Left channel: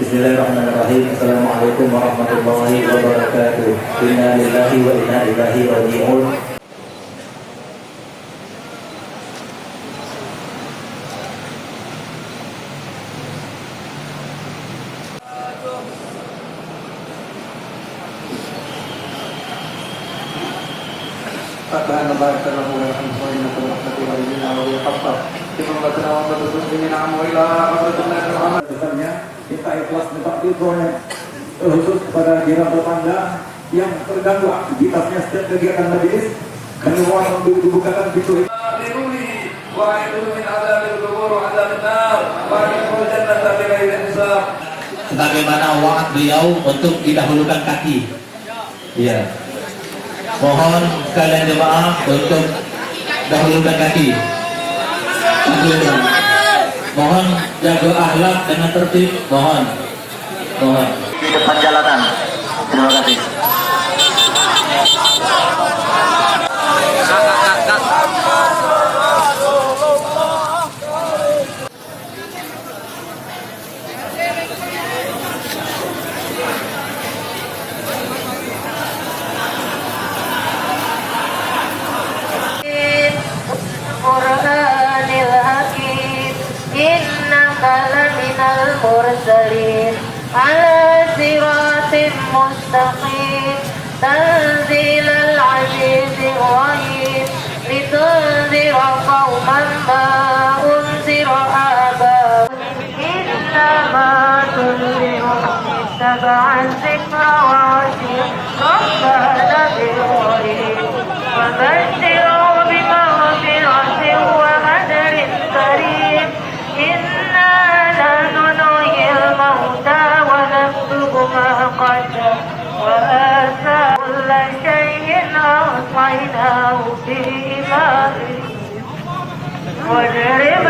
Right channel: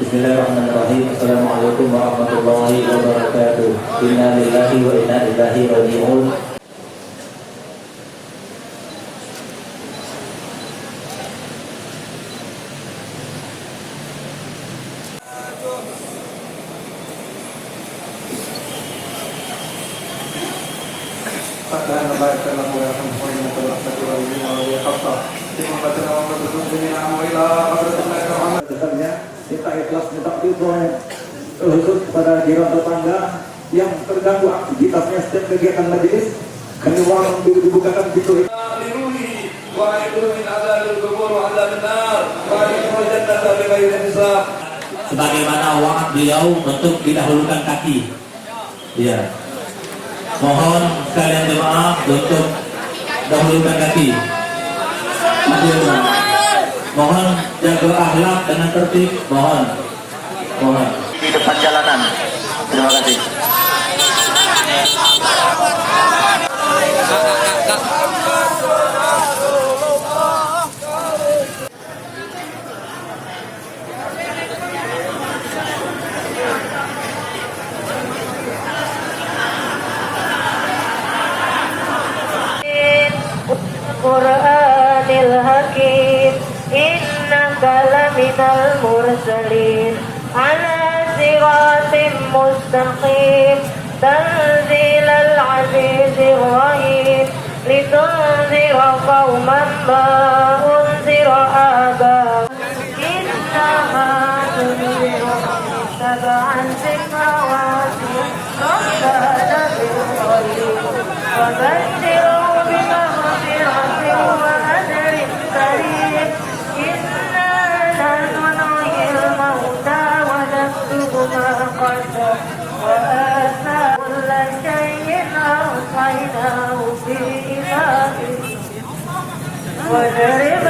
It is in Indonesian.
Bismillahirrahmanirrahim. Assalamualaikum warahmatullahi wabarakatuh. Inna lillahi wa inna ilaihi raji'un. Kita ikhlas minta pertolongan khusus kepada jiran tetangga yang terganggu aktivitasnya setiap kegiatan majelis. Kami mohon dibukakan pintu sebagaimana wa'ad beliau untuk didahulukan kaki. Iya. Mohon sekalian jemaah untuk dahulukan kaki. Mohon jaga akhlak dengan tertib. Mohon. Di depan jalanan. Terima kasih. Qur'anil Hakim innaka laminal mursalin ala siratin mustaqim tanzilal azizir rahim litunzira qauman ma unzira abahum innama tunziru sab'an zikra wa rasulullah bil-ghaib wa bashiru وَاضْرِبْ